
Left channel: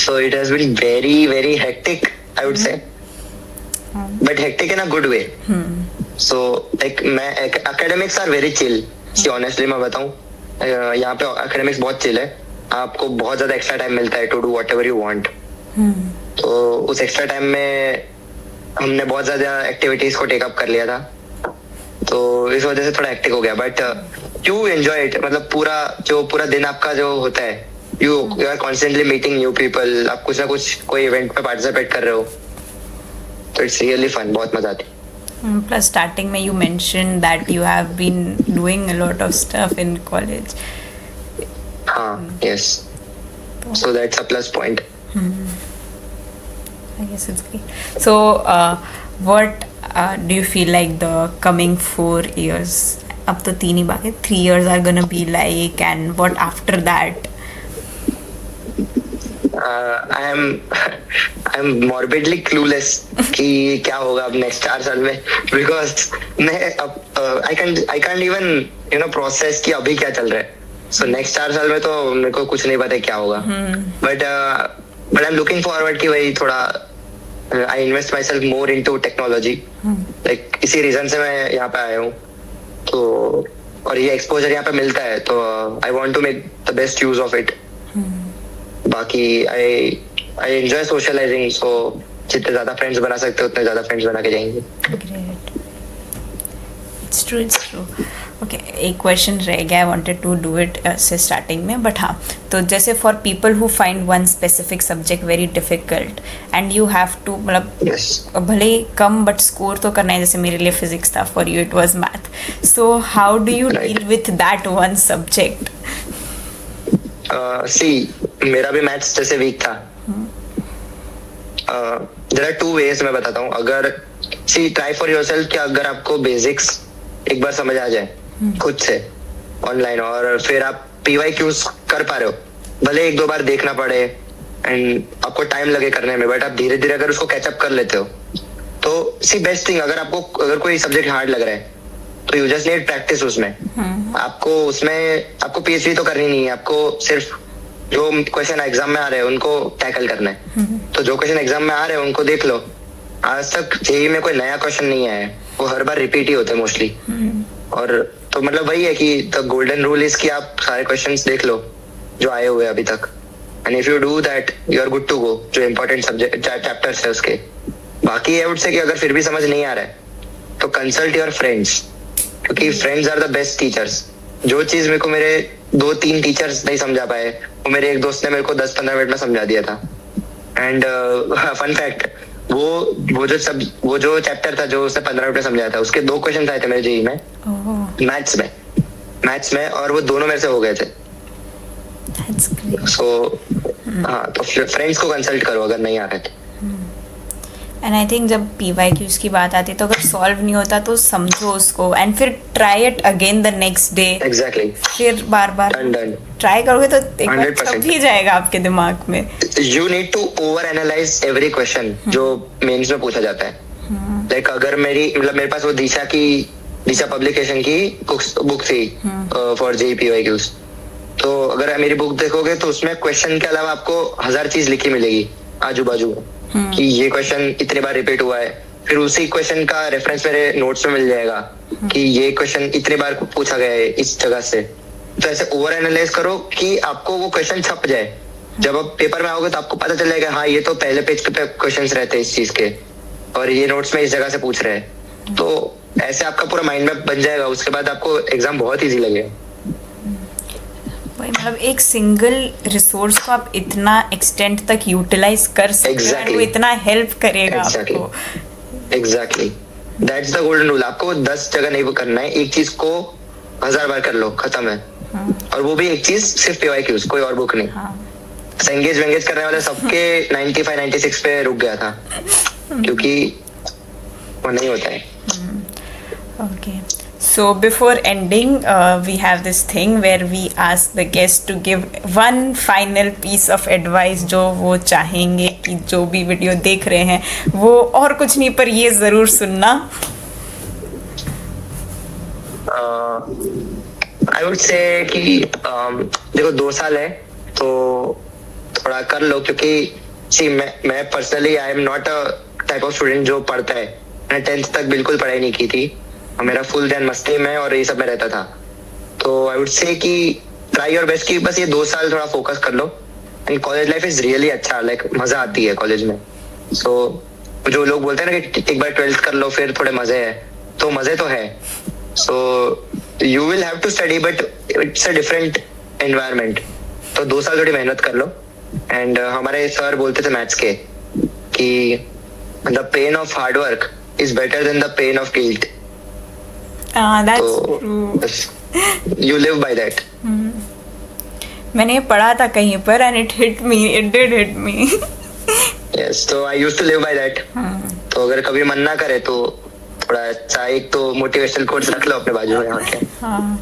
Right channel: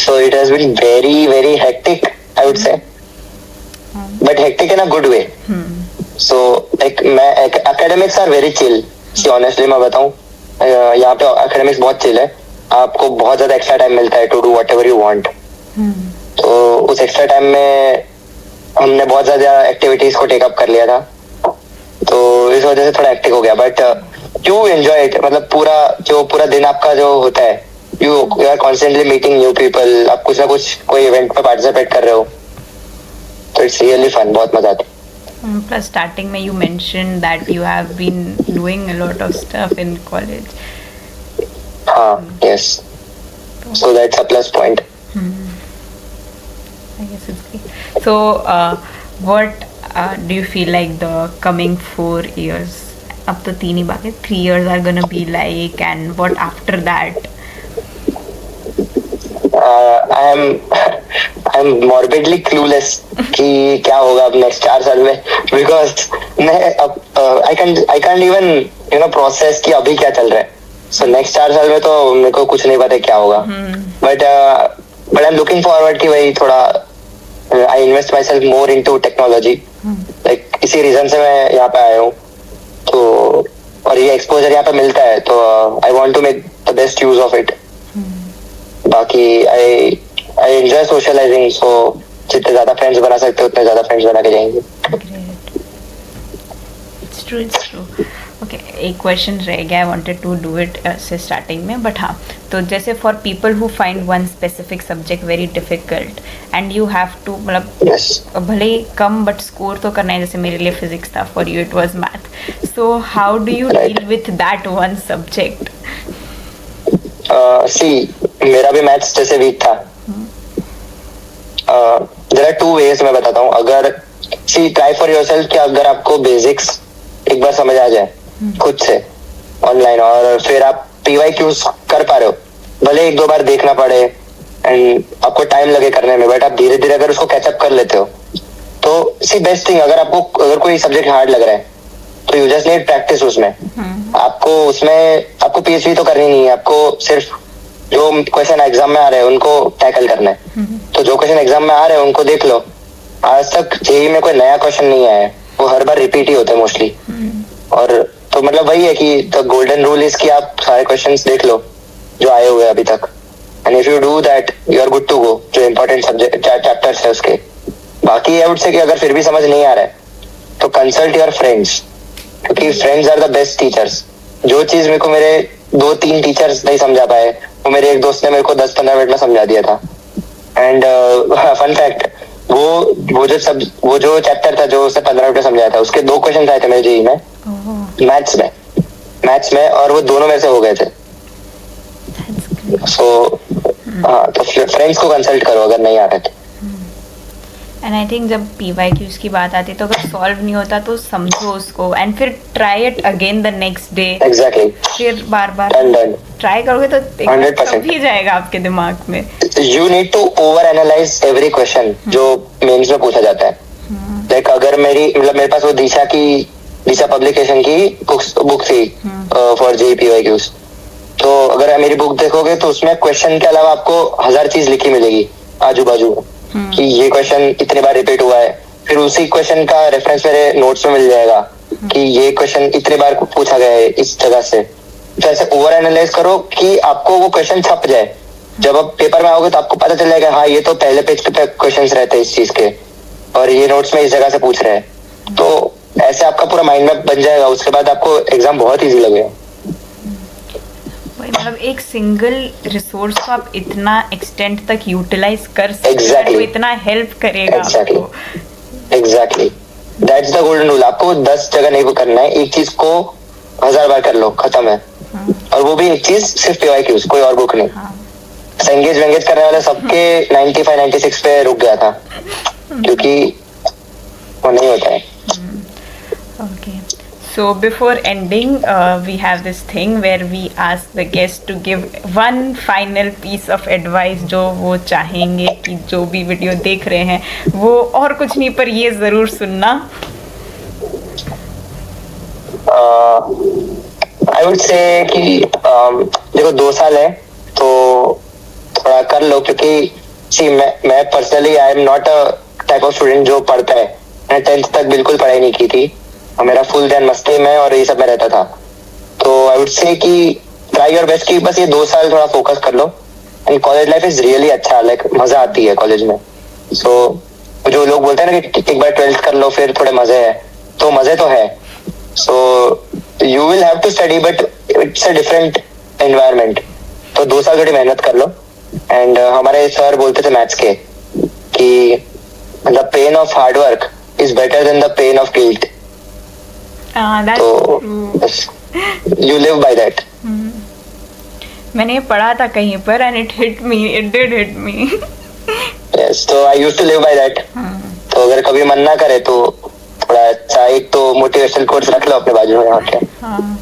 So it has been very very hectic, I would say, but hectic in a good way. So like academics are very chill. See, honestly मैं बताऊं, यहाँ पे academics बहुत chill है. आपको बहुत ज्यादा एक्स्ट्रा टाइम मिलता है to do whatever you want. तो उस एक्स्ट्रा टाइम में हमने बहुत ज्यादा एक्टिविटीज को टेक अप कर लिया था. इस वजह से थोड़ा एक्टिव हो गया, बट यू एंजॉय इट, मतलब पूरा दिन आपका जो होता है, you are constantly meeting new people, आप कुछ ना कुछ कोई इवेंट में पार्टिसिपेट कर रहे हो, तो इट्स रियली फन, बहुत मजा आती है. Plus, starting में you mentioned that you have been doing a lot of stuff in college. Yes. So that's a plus point. I guess it's great. So, what do you feel like the coming 4 years? अब तो 3 ही बाकी, 3 years are gonna be like, and what after that? I'm morbidly clueless कि क्या होगा अब नेक्स्ट 4 साल में, बिकॉज मैं अब I can't even process कि अभी क्या चल रहा है. So नेक्स्ट 4 साल में तो मेरे को कुछ नहीं पता क्या होगा, but I'm looking forward कि वही थोड़ा I invest myself more into technology. Like इसी रीजन से मैं यहाँ पे आया हूँ, तो और ये एक्सपोजर यहाँ पे मिलता है, तो I want to make the best use of it. बाकी I enjoy socializing, so जितने ज्यादा फ्रेंड्स बना सकते हो उतने ज्यादा फ्रेंड्स बना के जाएंगे. Great. It's true. Okay, एक क्वेश्चन रह गया, I wanted to do it से स्टार्टिंग में, बट हाँ, तो जैसे for people who find one specific subject very difficult and you have to, मतलब भले ही कम बट स्कोर तो करना है, जैसे मेरे लिए फिजिक्स था, for you it was math, so how do you deal with that one subject? मेरा भी मैथ्स जैसे वीक था. देयर आर 2 ways मैं बताता हूँ. अगर ट्राई फॉर योरसेल्फ कि अगर आपको बेसिक्स एक बार समझ आ जाए खुद से ऑनलाइन, और फिर आप PYQs कर पा रहे हो, भले 1-2 बार देखना पड़े एंड आपको टाइम लगे करने में, बट आप धीरे धीरे अगर उसको कैचअप कर लेते हो, तो बेस्ट थिंग, अगर कोई सब्जेक्ट हार्ड लग रहा है तो यू जस्ट नीड प्रैक्टिस उसमें. आपको PhD तो करनी नहीं है, आपको सिर्फ जो क्वेश्चन एग्जाम में आ रहे हैं उनको टैकल करना है. तो जो क्वेश्चन एग्जाम में आ रहे हैं उनको देख लो. आज तक जेईई में कोई नया क्वेश्चन नहीं आया है, वो हर बार रिपीट ही होते हैं मोस्टली. और तो मतलब वही है कि द गोल्डन रूल इज कि आप सारे क्वेश्चंस देख लो जो आए हुए अभी तक, and if you do that you are good to go. जो इम्पोर्टेंट सब्जेक्ट चैप्टर्स है उसके. बाकी आई वुड से कि अगर फिर भी समझ नहीं आ रहा है तो कंसल्ट योर फ्रेंड्स, क्योंकि friends are the best teachers. जो चीज मेरे को मेरे 2-3 टीचर्स नहीं समझा पाए, वो मेरे एक दोस्त ने मेरे को 10-15 मिनट में समझा दिया था. एंड फन फैक्ट, वो जो चैप्टर था जो उसने 15 मिनट में समझाया था, उसके 2 क्वेश्चन आए थे मेरे जेईई में, मैथ्स में, और वो दोनों में से हो गए थे. सो तो फ्रेंड्स को कंसल्ट करो अगर नहीं आ रहे थे. एंड आई थिंक जब PYQs की बात आती है तो अगर सॉल्व नहीं होता तो समझो उसको एंड फिर try it again the next day. Exactly. फिर बार ट्राई करोगे तो एक बार सब ही जाएगा आपके दिमाग में. You need to over analyse every question जो मेंस में पूछा जाता है. लाइक अगर मेरे पास वो दिशा पब्लिकेशन की बुक थी फॉर जेईई PYQs, तो अगर मेरी बुक देखोगे तो उसमें क्वेश्चन के अलावा आपको 1000 चीज लिखी मिलेगी आजू बाजू कि ये क्वेश्चन इतने बार रिपीट हुआ है. फिर उसी क्वेश्चन का रेफरेंस मेरे नोट्स में मिल जाएगा कि ये क्वेश्चन इतने बार पूछा गया है इस जगह से. तो ऐसे ओवर एनालाइज करो कि आपको वो क्वेश्चन छप जाए. जब आप पेपर में आओगे तो आपको पता चल जाएगा, हाँ ये तो पहले पेज पे क्वेश्चंस रहते हैं इस चीज के, और ये नोट्स में इस जगह से पूछ रहे हैं. तो ऐसे आपका पूरा माइंड मैप बन जाएगा. उसके बाद आपको एग्जाम बहुत इजी लगेगा. मतलब एक सिंगल रिसोर्स को आप इतना एक्सटेंट तक यूटिलाइज कर सकते हो, वो इतना हेल्प करेगा आपको. Exactly. That's the golden rule. आपको 10 जगह नहीं करना है, एक चीज को 1000 बार कर लो, खत्म है. और वो भी एक चीज सिर्फ PYQs, कोई और बुक नहीं. एंगेज करने वाले सबके 95-96 पे रुक गया था, क्योंकि वो नहीं होता है. Okay. So before ending, we have this thing where we ask the guest to give one final piece of advice जो वो चाहेंगे कि जो भी वीडियो देख रहे हैं वो और कुछ नहीं पर ये ज़रूर सुनना. I would say कि देखो 2 साल है तो थोड़ा कर लो, क्योंकि मैं personally I am not a type of student जो पढ़ता है. मैंने 10th तक बिल्कुल पढ़ाई नहीं की थी, और मेरा फुल ध्यान मस्ती में और ये सब में रहता था. तो आई वुड से कि ट्राई योर बेस्ट कि बस ये 2 साल थोड़ा फोकस कर लो. And college life is really अच्छा, लाइक मजा आती है कॉलेज में. सो जो लोग बोलते हैं ना कि एक बार 12th कर लो फिर थोड़े मजे है, तो मजे तो है, So you will have to study, but it's a different environment. तो 2 साल थोड़ी मेहनत कर लो. And हमारे सर बोलते थे मैथ्स के कि the pain of hard work is better than the pain of guilt. That's तो true. you live by that. मैंने ये पढ़ा था कहीं पर and it hit me. It did hit me. Yes, so I used to live by that. तो अगर कभी मन ना करे तो थोड़ा अच्छा एक तो मोटिवेशनल कोट्स रख लो अपने बाजू में यहाँ के. हाँ.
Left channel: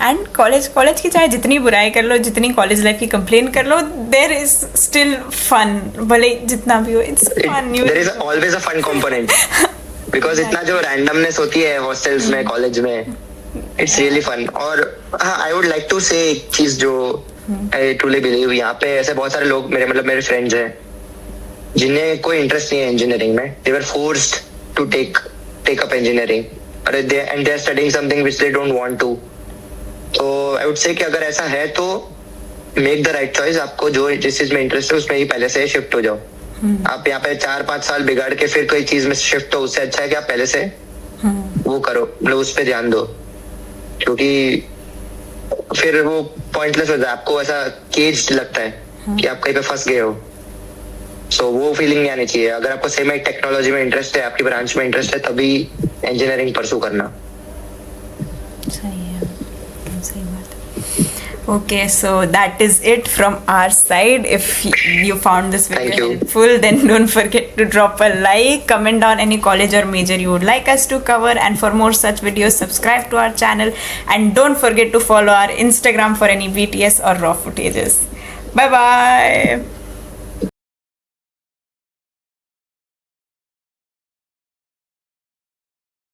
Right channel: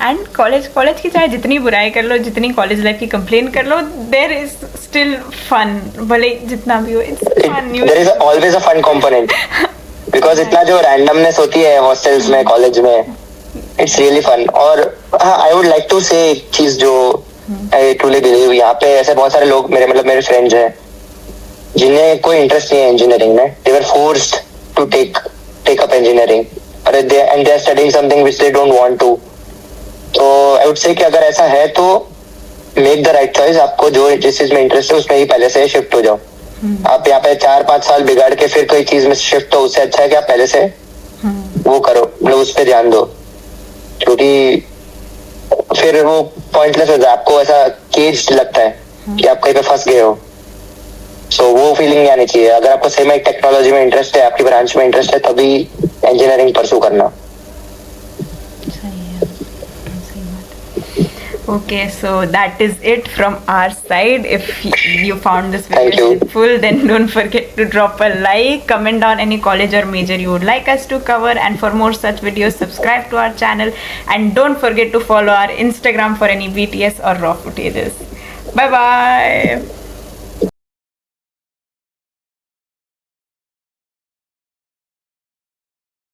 एंड कॉलेज की चाहे जितनी बुराई कर लो, जितनी कॉलेज लाइफ की कंप्लेन कर लो, देयर इज स्टिल फन. भले जितना भी हो, it's fun. There is always a fun component because इतना जो रैंडमनेस होती है हॉस्टल्स में, कॉलेज में, इट्स रियली फन. और आई वुड लाइक टू से एक चीज जो आई ट्रूली बिलीव, यहाँ पे ऐसे बहुत सारे लोग मेरे फ्रेंड्स हैं जिन्हें कोई इंटरेस्ट नहीं है इंजीनियरिंग में. They were forced to take up engineering and they are studying something which they don't want to. तो आई वुड से कि अगर ऐसा है तो मेक द राइट चॉइस. आपको जो जिस चीज में इंटरेस्ट है उसमें ही पहले से शिफ्ट हो जाओ. आप यहाँ पे 4-5 साल बिगाड़ के फिर कोई चीज में शिफ्ट हो, उससे अच्छा है कि आप पहले से वो करो, मतलब उस पर ध्यान दो. क्योंकि फिर वो पॉइंटलेस हो जाए, आपको ऐसा केज लगता है कि आप कहीं पे फंस गए हो. सो वो फीलिंग नहीं आनी चाहिए. अगर आपको सही में टेक्नोलॉजी में इंटरेस्ट है, आपकी ब्रांच में इंटरेस्ट है, तभी इंजीनियरिंग परसू करना. Okay, so that is it from our side. If you found this Thank video you. helpful, then don't forget to drop a like, comment down any college or major you would like us to cover, and for more such videos, subscribe to our channel, and don't forget to follow our Instagram for any BTS or raw footages. Bye bye.